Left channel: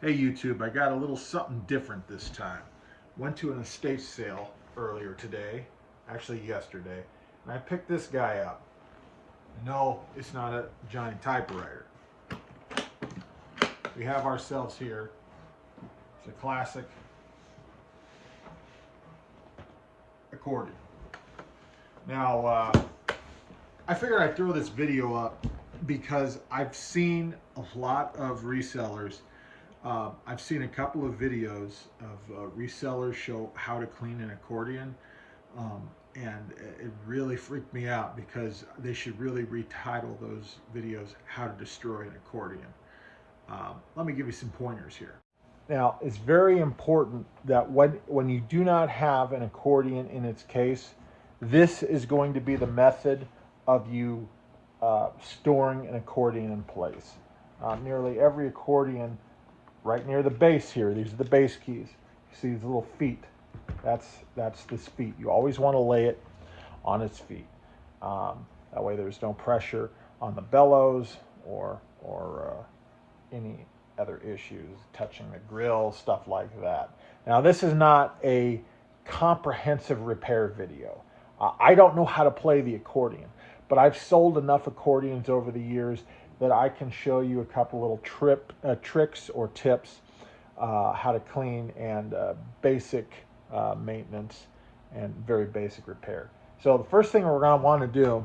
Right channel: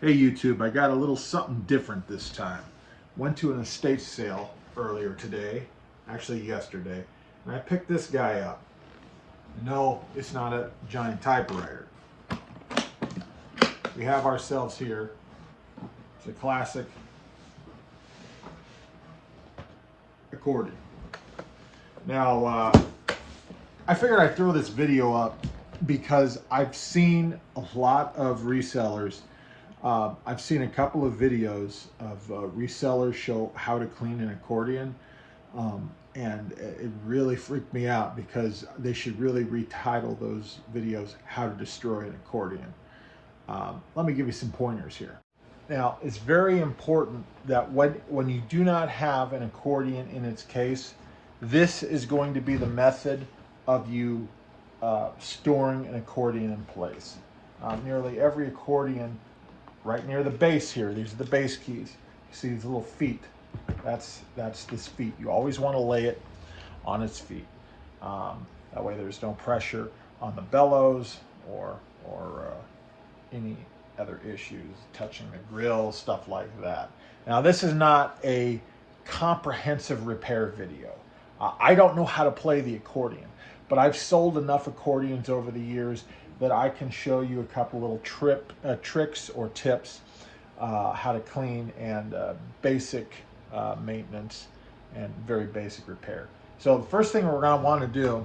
Hey YouTube, I got a little something different this time. Went to an estate sale earlier today, actually yesterday, and I picked this guy up. No, it's not a giant typewriter. We have ourselves here, it's a classic accordion. Now, I figured I'd throw this video up because I've seen a lot of resellers. I've seen a couple of videos of resellers show how to clean an accordion, and it really freaked me out because they should really retitle those videos "How to Destroy an Accordion." Let me give you some pointers here. Now, it's very important that when you do not have an accordion in its case, this is going to be the method of you storing an accordion in place. Nearly every accordion, right near the base here, these are the bass keys. You see these little feet? That's this feet. You always want to lay it on its feet. That way there's no pressure on the bellows or any other issues, touching the grill, stuff like that. Now, this is not a comprehensive repair video. I don't know how to play the accordion, but I've sold enough accordions over the years that I can show you a couple little tricks or tips how to clean and basic maintenance and very basic repair. So the first thing we're going to want to do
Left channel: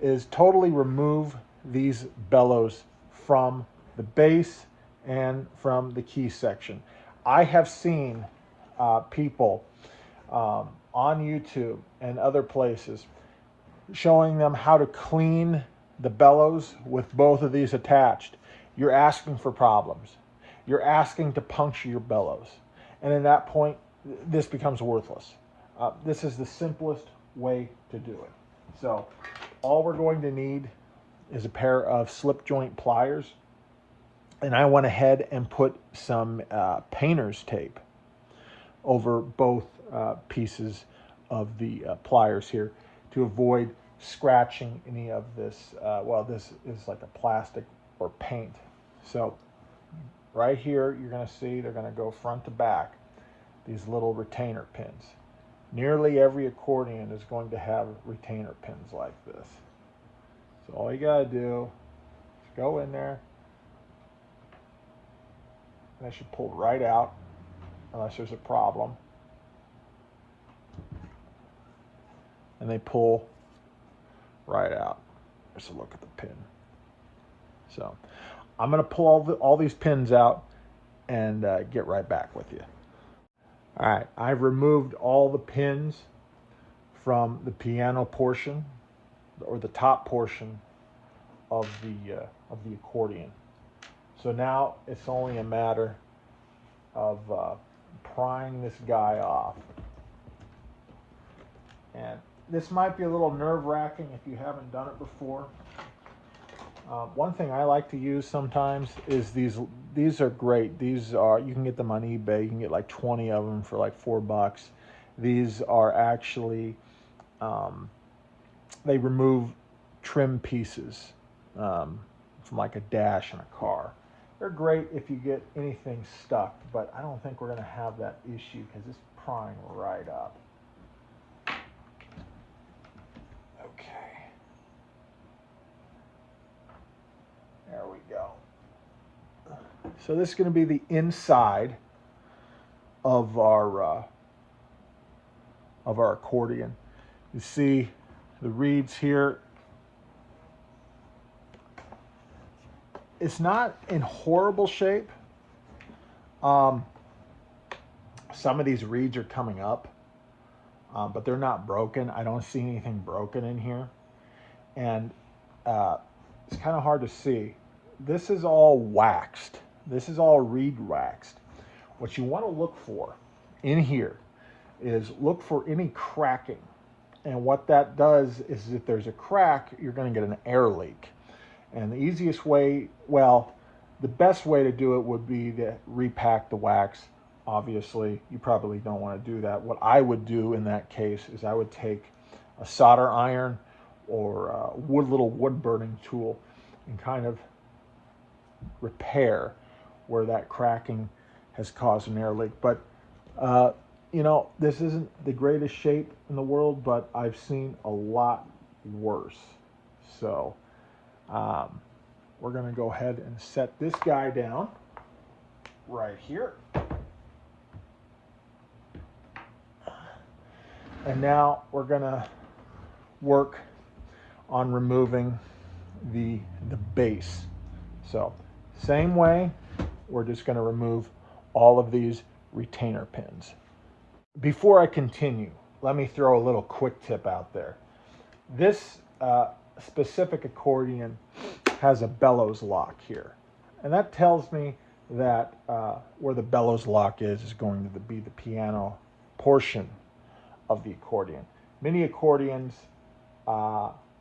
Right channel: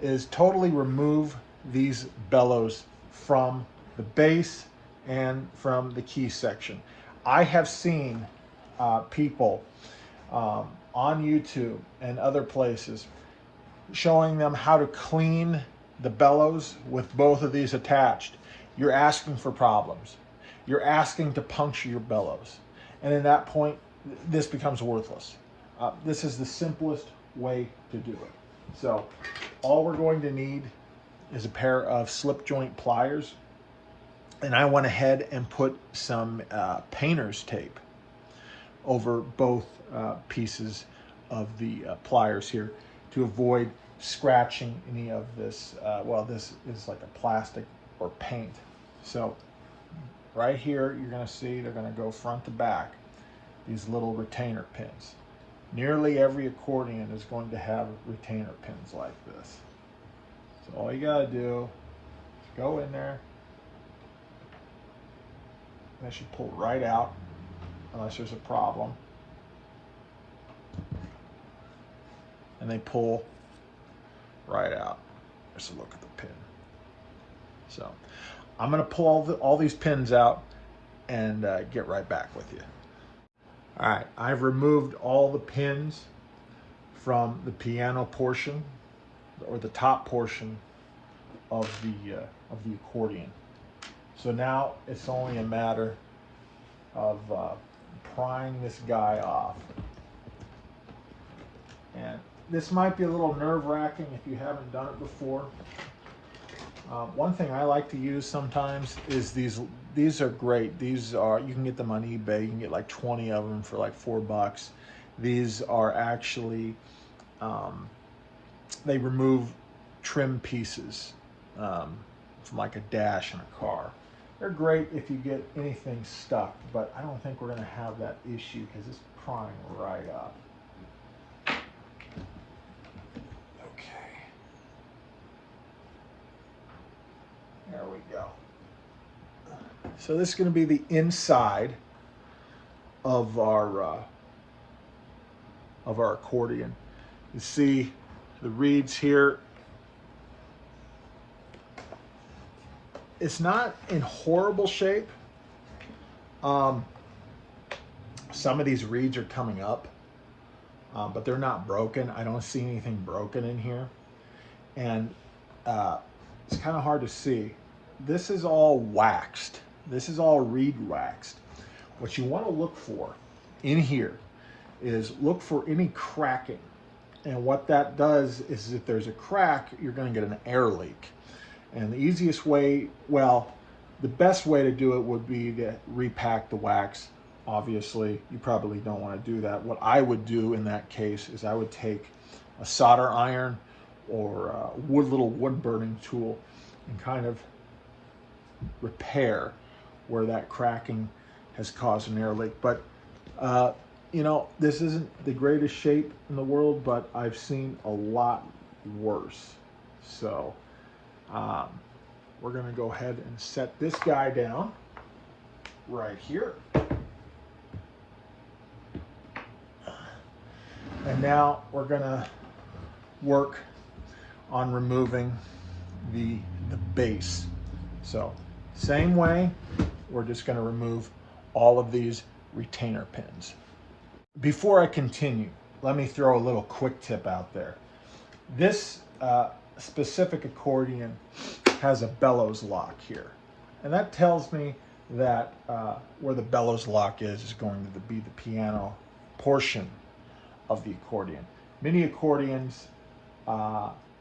is totally remove these bellows from the base and from the key section. I have seen people on YouTube and other places showing them how to clean the bellows with both of these attached. You're asking for problems. You're asking to puncture your bellows. And at that point, this becomes worthless. This is the simplest way to do it. So all we're going to need is a pair of slip joint pliers. And I went ahead and put some painter's tape over both pieces of the pliers here to avoid scratching any of this. Well, this is like a plastic or paint. So right here, you're going to see they're going to go front to back, these little retainer pins. Nearly every accordion is going to have retainer pins like this. So all you got to do is go in there. And they should pull right out unless there's a problem. And they pull right out. There's a look at the pin. So I'm going to pull all these pins out and get right back with you. All right, I've removed all the pins from the piano portion or the top portion of the accordion. So now it's only a matter of prying this guy off. And this might be a little nerve-wracking if you haven't done it before. One thing I like to use sometimes is these are great. These are, you can get them on eBay. You can get like 20 of them for like $4. These are actually, they remove trim pieces from like a dash in a car. They're great if you get anything stuck, but I don't think we're going to have that issue because it's prying right up. There we go. So this is going to be the inside of our accordion. You see the reeds here. It's not in horrible shape. Some of these reeds are coming up, but they're not broken. I don't see anything broken in here. And it's kind of hard to see. This is all waxed. This is all reed waxed. What you want to look for in here is look for any cracking. And what that does is if there's a crack, you're going to get an air leak. And the easiest way, well, the best way to do it would be to repack the wax. Obviously, you probably don't want to do that. What I would do in that case is I would take a solder iron or a little wood burning tool and kind of repair where that cracking has caused an air leak. But you know, this isn't the greatest shape in the world, but I've seen a lot worse. So we're going to go ahead and set this guy down right here. And now we're going to work on removing the base. So same way, we're just going to remove all of these retainer pins. Before I continue, let me throw a little quick tip out there. This specific accordion has a bellows lock here, and that tells me that where the bellows lock is going to be the piano portion of the accordion. Many accordions,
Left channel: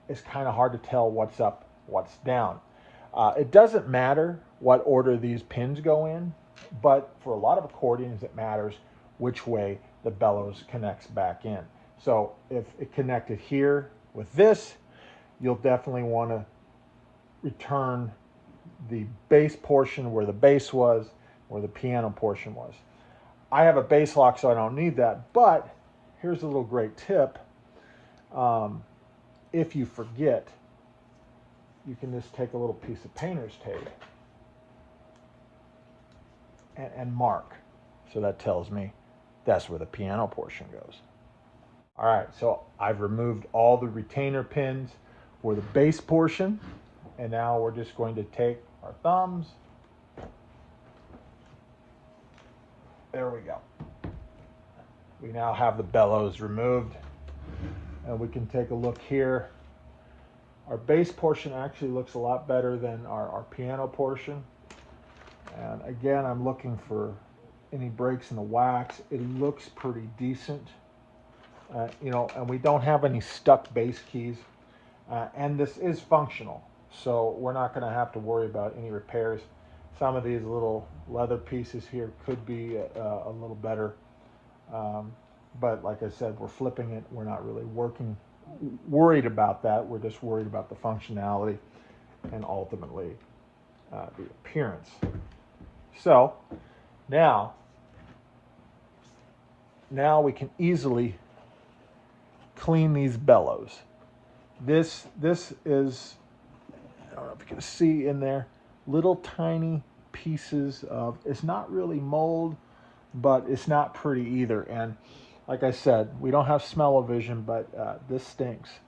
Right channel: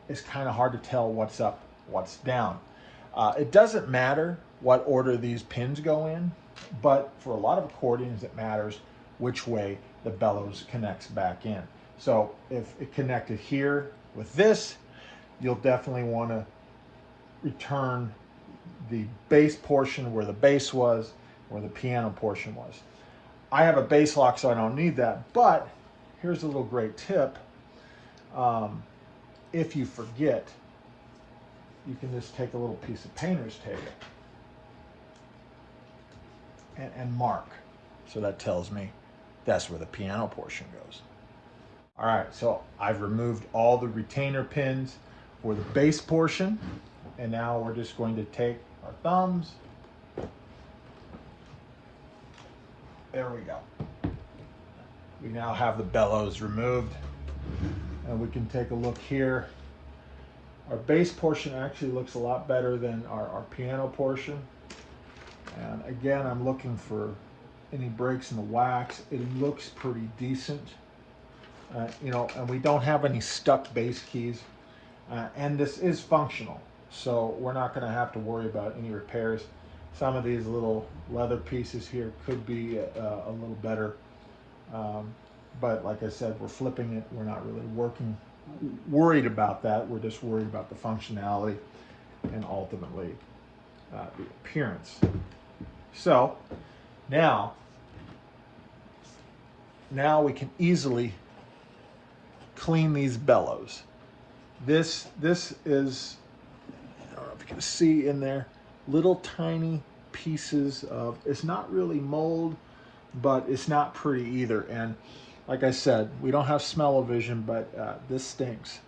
it's kind of hard to tell what's up, what's down. It doesn't matter what order these pins go in, but for a lot of accordions it matters which way the bellows connects back in. So if it connected here with this, you'll definitely want to return the bass portion where the bass was, where the piano portion was. I have a bass lock, so I don't need that, but here's a little great tip. If you forget, you can just take a little piece of painter's tape and mark. So that tells me that's where the piano portion goes. All right, so I've removed all the retainer pins for the bass portion, and now we're just going to take our thumbs. There we go. We now have the bellows removed, and we can take a look here. Our bass portion actually looks a lot better than our piano portion. And again, I'm looking for any breaks in the wax. It looks pretty decent. You know, and we don't have any stuck bass keys. And this is functional, so we're not going to have to worry about any repairs. Some of these little leather pieces here could be a little better. But like I said, we're flipping it. We're not really worried about that. We're just worried about the functionality and ultimately the appearance. So now we can easily clean these bellows. This is, I don't know if you can see in there, little tiny pieces of, it's not really mold, but it's not pretty either. And like I said, we don't have smell-o-vision, but this stinks.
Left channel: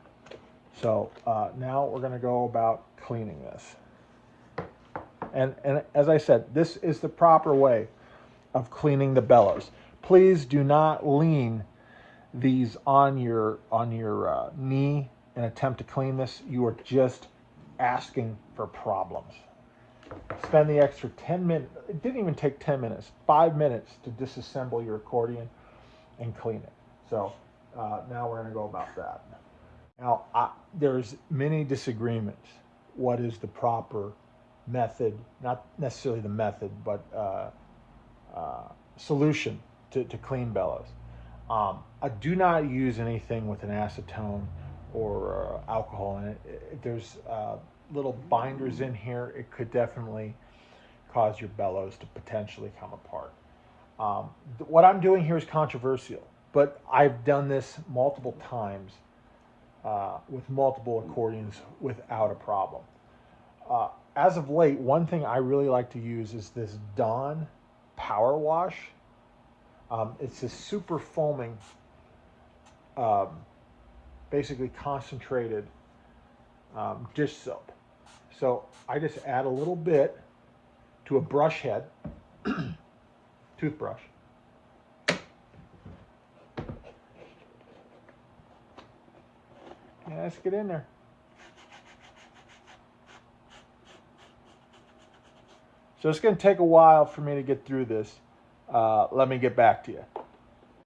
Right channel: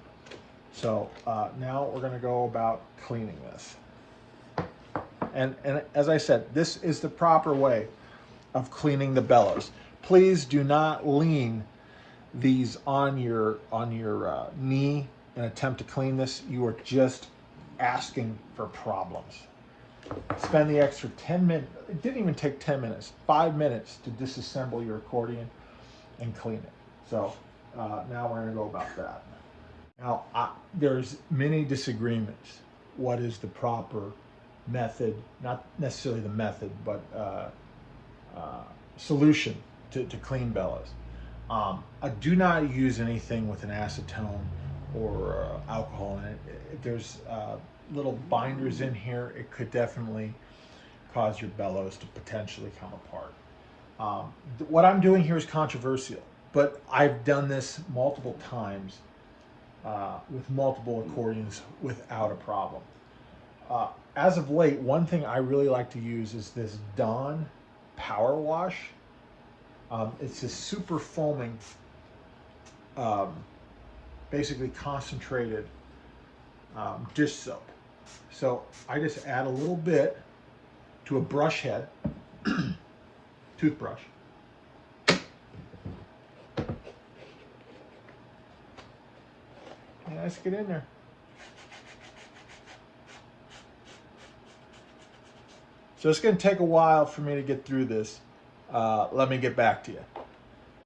So now we're going to go about cleaning this. And as I said, this is the proper way of cleaning the bellows. Please do not lean these on your knee and attempt to clean this. You are just asking for problems. Spend the extra 10 minutes. It didn't even take 10 minutes, 5 minutes to disassemble your accordion and clean it. So now we're going to go about that. Now there's many disagreements. What is the proper method? Not necessarily the method, but solution to clean bellows. I do not use anything with an acetone or alcohol in it. If there's little binders in here, it could definitely cause your bellows to potentially come apart. What I'm doing here is controversial, but I've done this multiple times with multiple accordions without a problem. As of late, one thing I really like to use is this Dawn Power Wash. It's a super foaming, basically concentrated dish soap. So I just add a little bit to a brush head, toothbrush. And let's get in there. So it's going to take a while for me to get through this. Let me get back to you.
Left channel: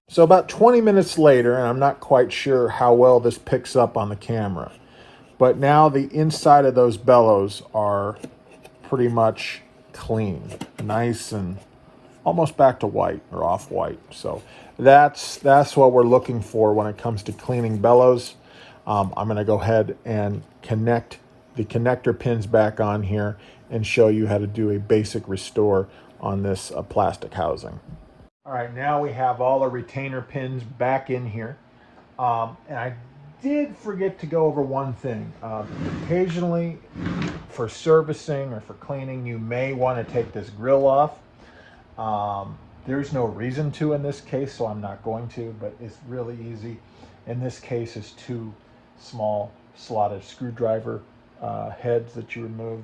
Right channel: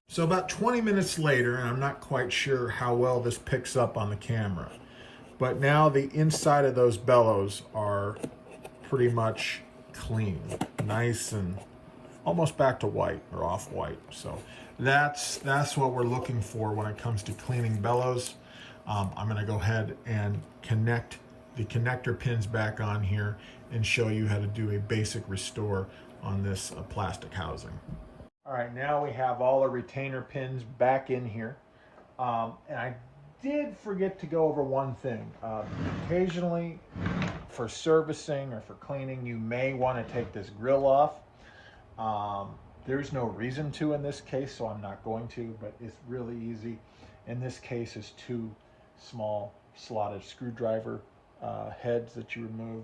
So about 20 minutes later, and I'm not quite sure how well this picks up on the camera, but now the inside of those bellows are pretty much clean, nice and almost back to white or off-white. So that's what we're looking for when it comes to cleaning bellows. I'm going to go ahead and connect the connector pins back on here, and show you how to do a basic restore on this plastic housing. All right, now we have all the retainer pins back in here. And I did forget to go over one thing. Occasionally, for servicing or for cleaning, you may want to take this grill off. There's no reason to in this case, so I'm not going to, but it's really easy. In this case, it's two small slotted screwdriver heads that you remove.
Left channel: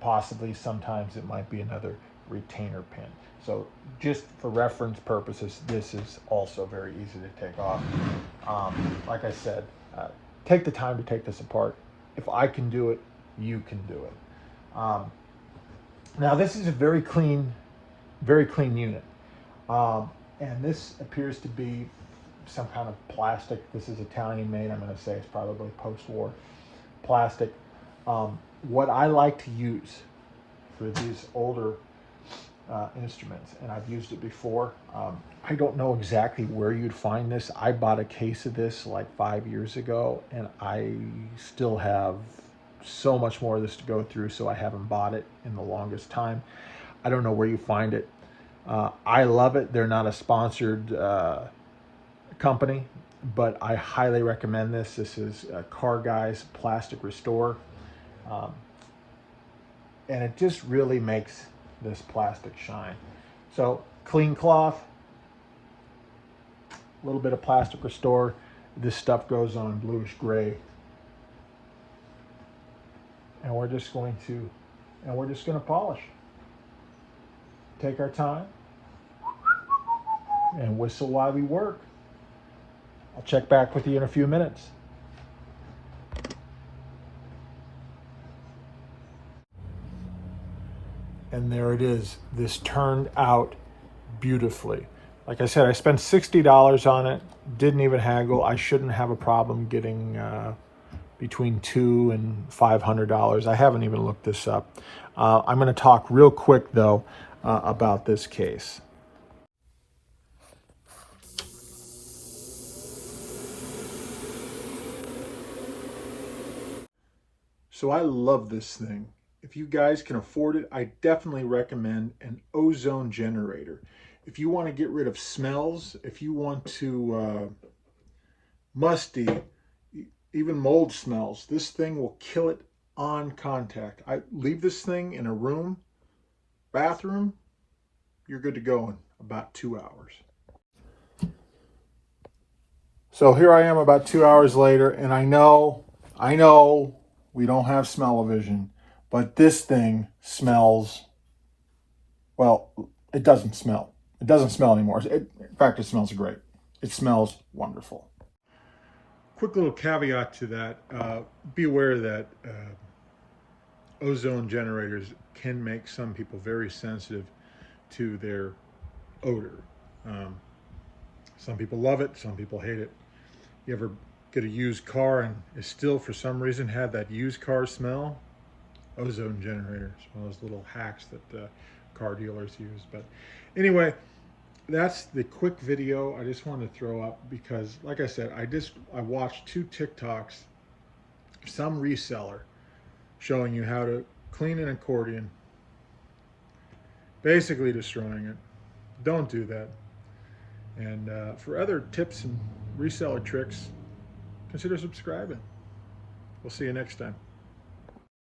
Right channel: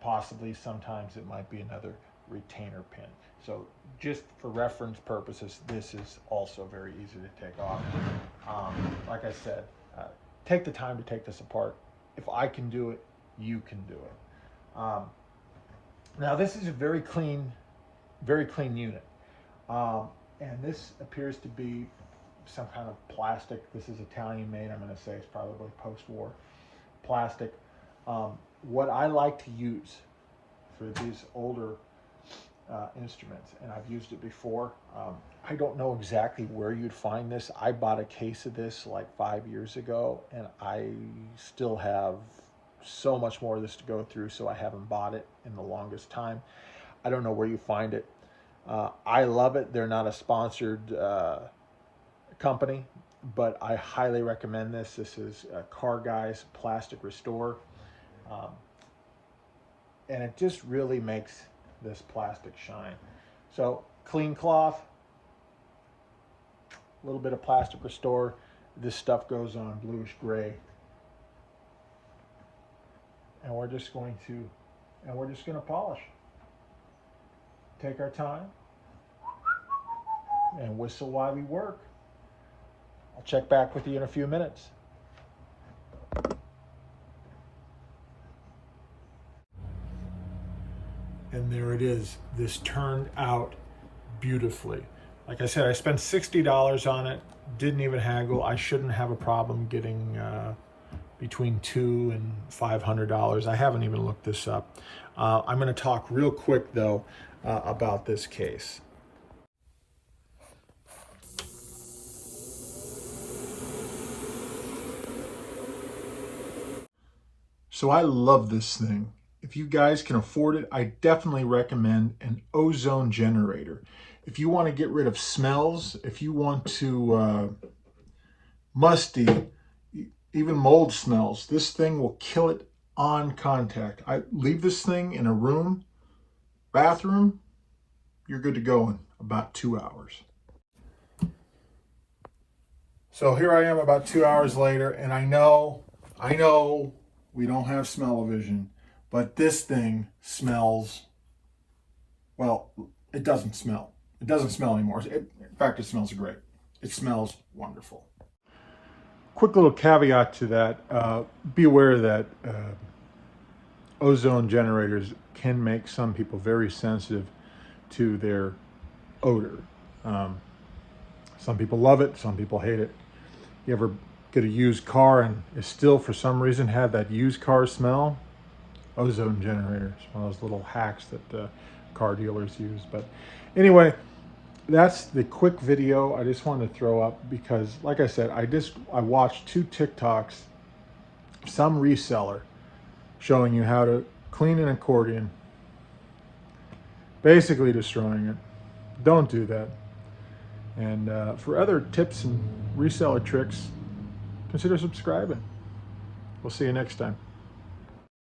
Possibly sometimes it might be another retainer pin. So just for reference purposes, this is also very easy to take off. Like I said, take the time to take this apart. If I can do it, you can do it. Now this is a very clean unit. And this appears to be some kind of plastic. This is Italian made. I'm going to say it's probably post-war plastic. What I like to use for these older instruments, and I've used it before. I don't know exactly where you'd find this. I bought a case of this like 5 years ago, and I still have so much more of this to go through, so I haven't bought it in the longest time. I don't know where you find it. I love it. They're not a sponsored company, but I highly recommend this. This is Car Guy's Plastic Restore. And it just really makes this plastic shine. So clean cloth, a little bit of plastic restore. This stuff goes on bluish gray. And we're just going to polish. Take our time and whistle while we work. I'll check back with you in a few minutes. And there it is. This turned out beautifully. Like I said, I spent $60 on it. Didn't even haggle. I shouldn't have a problem getting between $200 and $500. I haven't even looked this up. I'm going to talk real quick though about this case. So I love this thing. If you guys can afford it, I definitely recommend an ozone generator. If you want to get rid of smells, if you want to musty, even mold smells, this thing will kill it on contact. I leave this thing in a room, bathroom, you're good to go in about 2 hours. So here I am about 2 hours later, and I know we don't have smell-o-vision, but this thing smells, well, it doesn't smell. It doesn't smell anymore. In fact, it smells great. It smells wonderful. Quick little caveat to that. Be aware that ozone generators can make some people very sensitive to their odor. Some people love it, some people hate it. You ever get a used car and it still for some reason had that used car smell? Ozone generators, one of those little hacks that car dealers use. But anyway, that's the quick video I just wanted to throw up because, like I said, I watched 2 TikToks, some reseller showing you how to clean an accordion, basically destroying it. Don't do that. And for other tips and reseller tricks, consider subscribing. We'll see you next time.